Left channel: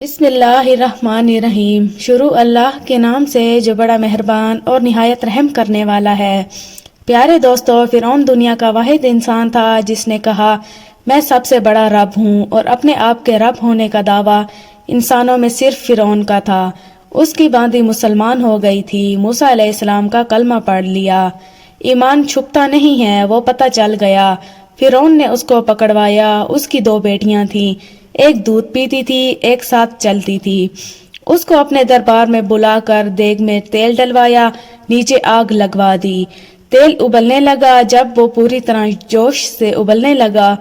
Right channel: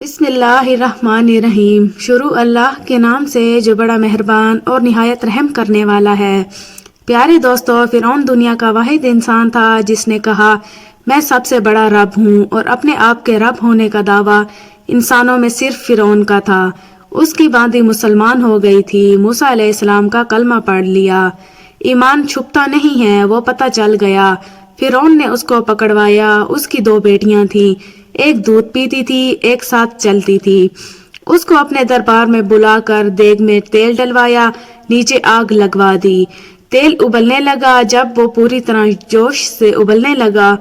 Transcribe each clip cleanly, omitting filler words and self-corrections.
بسم اللہ الرحمن الرحیم۔ شروع اللہ کے نام سے جو بڑا مہربان اور نہایت رحم کرنے والا ہے۔ پیارے دوستو، فرعون دنیا کا واحد انسان تھا جس نے کہا میں سب سے بڑا رب ہوں، اور اپنے آپ کے رب ہونے کا دعویٰ انسانوں میں صرف فرعون کا تھا۔ اس کی باندی مسلمان ہو گئی تھی، موسیٰ علیہ السلام کا کلمہ پڑھ لیا۔ ایمان چھپتا نہیں ہے، وہ پتہ چل گیا۔ فرعون نے اس کو پکڑوایا۔ اس کی 2 بیٹیاں تھیں، ایک دودھ پیتی تھی، ایک ساتھ چلتی تھی۔ اس کو اپنے دربار میں بلا کر دیگ میں تیل ڈلوایا، نیچے آگ لگوا دی۔ تیل ابلنے لگا۔ جب وہ پوری طرح جوش سے ابلنے لگا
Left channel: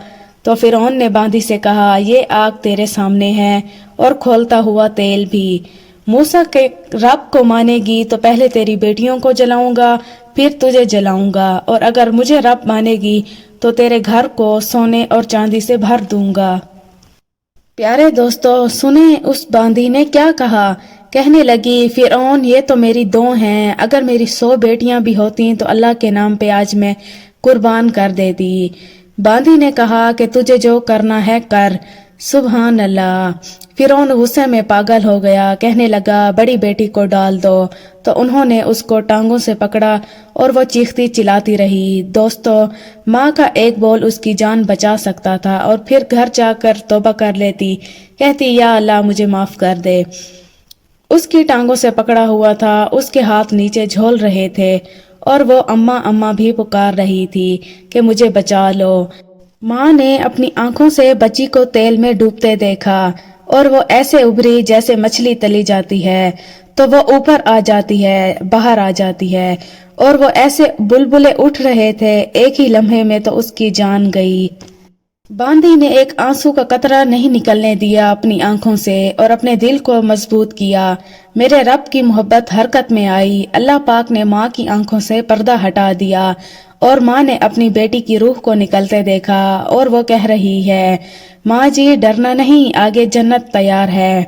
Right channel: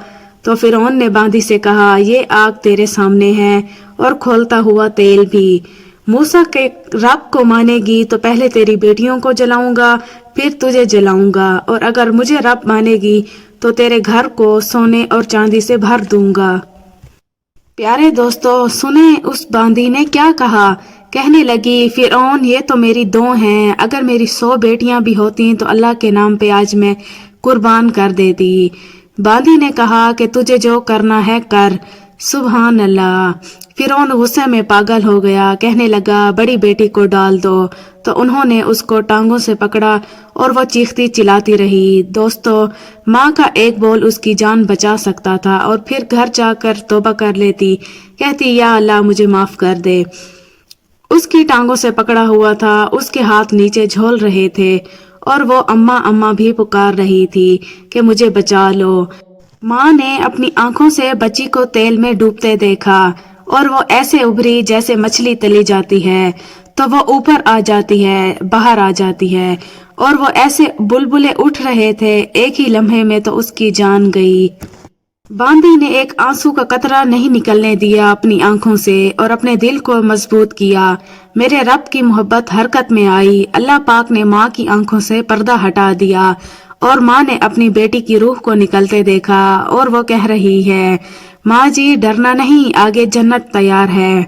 تو فرعون نے باندی سے کہا یہ آگ تیرے سامنے ہے اور کھولتا ہوا تیل بھی۔ موسیٰ کے رب کو مانے گی تو پہلے تیری بیٹیوں کو جلاؤں گا، پھر تجھے جلاؤں گا، اور اگر مجھے رب مانے گی تو تیرے گھر کو سونے اور چاندی سے بھر دوں گا۔ پیارے دوستو، سنیں اس باندی نے کیا کہا۔ کہنے لگی فرعون یہ تو میری 2 ہیں، اگر میری 100 بیٹیاں بھی ہوتیں تو اللہ کے نام پہ آج میں قربان کر دیتی۔ باندی نے کہا کہ تجھے جو کرنا ہے کر۔ سبحان اللہ۔ فرعون غصے میں پاگل ہو گیا، کہنے لگا بڑی بیٹی کو ڈال دو، تو انہوں نے اس کو ٹانگوں سے پکڑا اور وہ چیختی چلاتی رہی۔ دوستو، ماں کا ایک بول اس کی جان بچا سکتا تھا، اور پھر گھر جا کر توبہ کر لیتی، کہتی یا اللہ مجھے معاف کر دے۔ اس کی ٹانگوں سے پکڑا ہوا تھا، اس کے ہاتھ نیچے جھول رہے تھے، اور وہ اماں اماں بھی پکار رہی تھی کہ مجھے بچا لو۔ ماں نے اپنی آنکھوں سے بچی کو تیل میں ڈوبتے دیکھا، اور وہ ایسے ابھری جیسے مچھلی تلی جاتی ہے، تو وہ اوپر آ جاتی ہے، باہر آ جاتی ہے، اور وہ ایسے بلبلے اٹھ رہے تھے، ایک ہی لمحے میں تو اس کی جان گئی۔ باندی نے ایک آنسو کا قطرہ نہیں نکلنے دیا اپنی آنکھوں سے، اور اپنے دل کو مضبوط کیا۔ میرے رب کی محبت حرکت میں آئی۔ اللہ پاک نے ماں کی آنکھوں سے پردہ ہٹا دیا، اور ماں نے اپنی بیٹی کی روح کو نکلتے دیکھا، اور وہ کہہ رہی ہے ماں جی ڈرنا نہیں، آگے جنت تیار ہے۔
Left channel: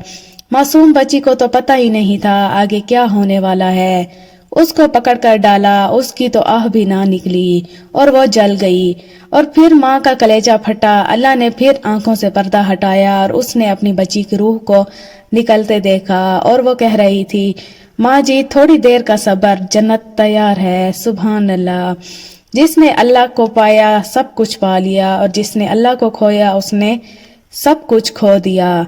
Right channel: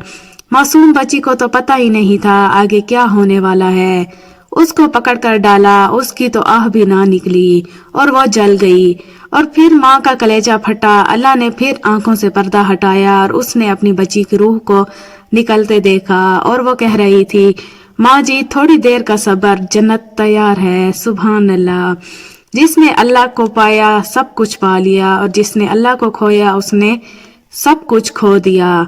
معصوم بچی کو تو پتہ ہی نہیں تھا آگے کیا ہونے والا ہے۔ اس کو پکڑ کر ڈالا، اس کی تو آہ بھی نہ نکلی، اور وہ جل گئی۔ اور پھر ماں کا کلیجہ پھٹا۔ اللہ نے پھر آنکھوں سے پردہ ہٹایا، اور اس نے اپنی بچی کی روح کو نکلتے دیکھا، اور وہ کہہ رہی تھی ماں جی تھوڑی دیر کا صبر، جنت تیار ہے۔ سبحان اللہ۔ جس نے اللہ کو پایا سب کچھ پا لیا، اور جس نے اللہ کو کھویا اس نے سب کچھ کھو دیا۔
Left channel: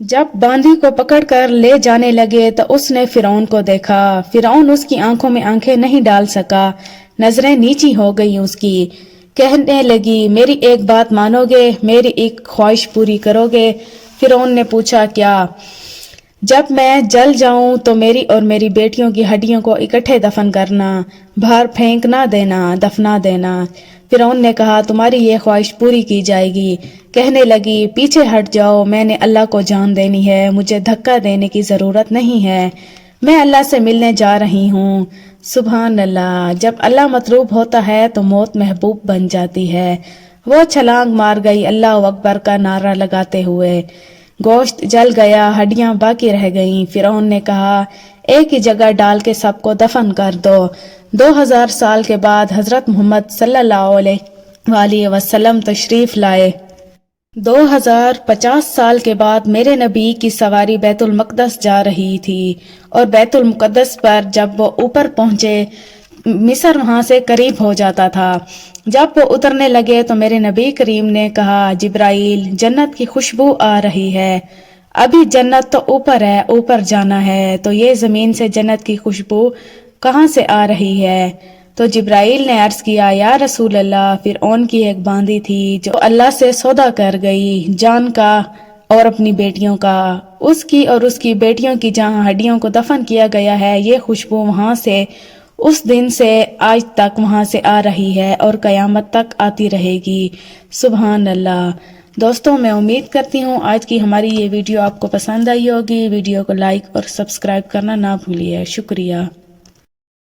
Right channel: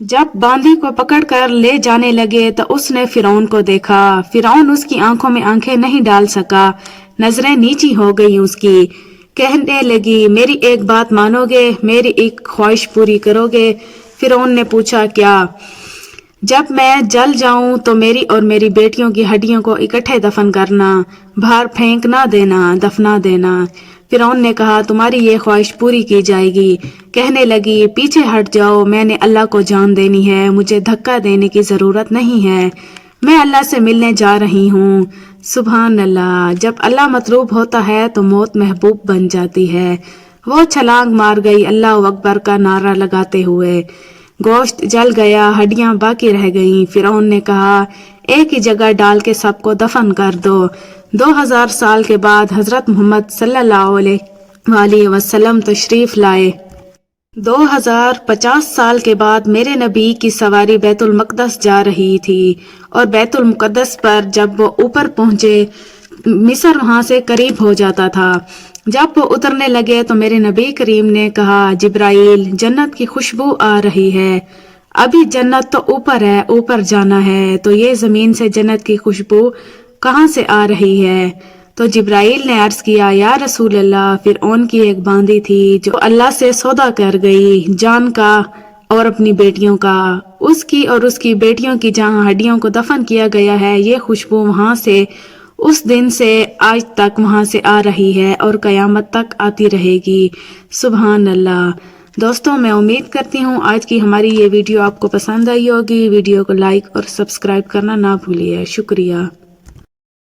جب باندی کو پکڑ کر لے جانے لگے تو اس نے فرعون کو دیکھا۔ فرعون اس کی آنکھوں میں آنکھیں نہیں ڈال سکا، نظریں نیچی ہو گئی اس کی۔ کہنے لگی میری ایک بات مانو گے، میری ایک خواہش پوری کرو گے؟ فرعون نے پوچھا کیا؟ جب میں جل جاؤں تو میری اور میری بیٹیوں کی ہڈیوں کو اکٹھے دفن کرنا، باہر پھینک نہ دینا، دفنا دینا۔ فرعون نے کہا تمہاری یہ خواہش پوری کی جائے گی۔ کہنے لگی پیچھے ہٹ جاؤ، میں نے اللہ کو جان دینی ہے، مجھے دھکا دینے کی ضرورت نہیں ہے، میں اللہ سے ملنے جا رہی ہوں۔ سبحان اللہ۔ جب اللہ مطلوب ہوتا ہے تو موت محبوب بن جاتی ہے۔ وہ چھلانگ مار گئی اللہ اکبر کا نعرہ لگاتے ہوئے۔ گوشت جل گیا، ہڈیاں باقی رہ گئیں۔ فرعون نے کہا ایک ہی جگہ ڈال کے سب کو دفن کر دو۔ 2000 سال کے بعد حضرت محمد صلی اللہ علیہ وسلم تشریف لائے۔ 2050 سال کے بعد میرے نبی کی سواری بیت المقدس جا رہی تھی، اور بیت المقدس پر جب وہ اوپر پہنچے مصر وہاں سے قریب ہو جاتا تھا۔ جب وہ اترنے لگے تو میرے نبی کریم نے کہا جبرائیل جنت کی خوشبو آ رہی ہے، ابھی جنت تو اوپر ہے، اوپر جانا ہے، تو یہ زمین سے جنت کی خوشبو کہاں سے آ رہی ہے؟ تو جبرائیل نے عرض کیا یا رسول اللہ فرعون کی ایک باندی تھی جو اللہ سے سودا کر گئی جان کا اور اپنی بیٹیوں کا، اس کی اور اس کی بیٹیوں کی جہاں ہڈیوں کو دفن کیا گیا ہے، یہ خوشبو وہاں سے اس دن سے آج تک وہاں سے آ رہی ہے اور قیامت تک آتی رہے گی۔ سبحان اللہ۔ دوستوں، میں امید کرتی ہوں آج کی ہماری یہ ویڈیو آپ کو پسند آئی ہوگی۔ ویڈیو کو لائک اور سبسکرائب کرنا نہ بھولیے۔ شکریہ۔